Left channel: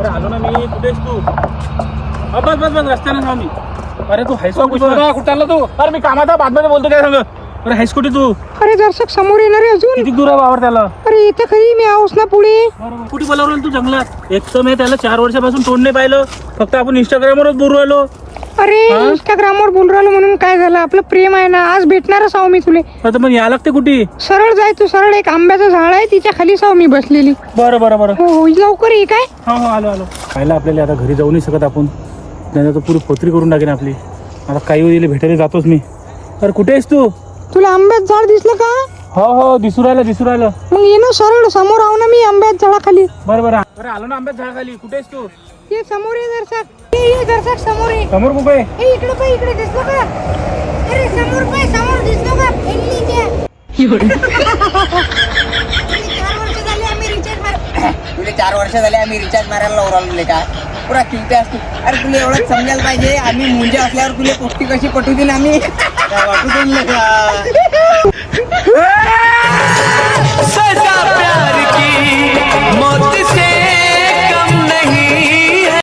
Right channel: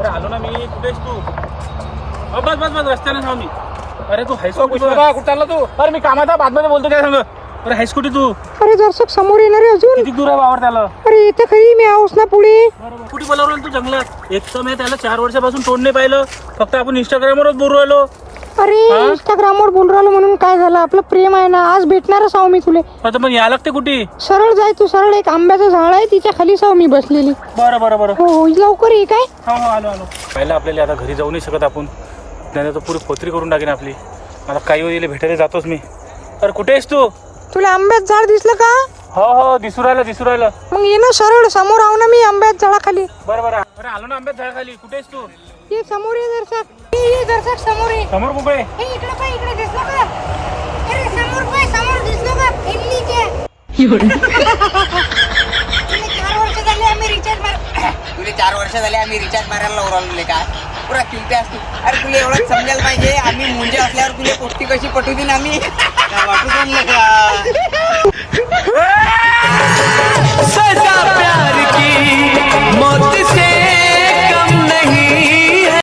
अरे आलो ना मी. कुठेस तू? बस बस बस रस्त्याने सांग मी. अरे तू हायस्कूल कुठे आला तू? अरे मी कामाचा बातमध्ये बोलतो काय सांग. अरे हायस्कूटी तू अरे दर्शक समोर येणार आहे अजून. किती दूर आहे वावर त्याला? अरे इथं खरी मी आहोस ना पुढे. कुठे बोलावलं तू जंगलात? एक तर मी त्याला 4 वर्षापासून तोंड नाही पाहिलं. फक्त आपण इंस्टाग्रामवरच बोलू राहिलो. अरे हा? इंस्टाग्रामवर बोल राहिलो म्हणून काय झालं? आपलं प्रेम आहे ना. आज भेटणारच आहो मी तुले. आता मग या लागते कुठे? सरळ जाय तू सरळ. एक आंब्याचं झाड आहे तिच्या खाली साव मी बसलेली. बरं बरं बरं. हो लवकर ये काय. हो हो आलो आलो. पाहिलं आपल्याला आता घरी जाऊ नाही शकत आपण. नाही तर पुरी पोत्री करून टाकेन आपली. आता काही वेळेला भेटायला जातोच मी. अरे कुठे आहेस तू? तुला आंब्याचं झाड दिसलं का? हो हो दिसू राहिलं. मग ये ना सरळ समोर आहो ना मी आंब्याच्या झाडाखाली. बरं बरं. अरे आलो ना आंब्यात झाडाखाली. कुठे आहेस तू? ये समोर ये दर्शक. ये दर्शक समोर ये. समोर कुठे? ए इकडे पाय. इकडे दिसलं का? अरे समोर पाय. समोर दिसलं का? फेंडली त्या. तुले 4 वर्ष झाले आम्ही रिचार्ज मारायला लावले का? पुरा किमते असतो. अरे तुला एवढं समजायला पाहिजे. आम्ही मुंजे असल्यावर तुला पुष्टी कशी पटवू देईन आम्ही. वाटू का?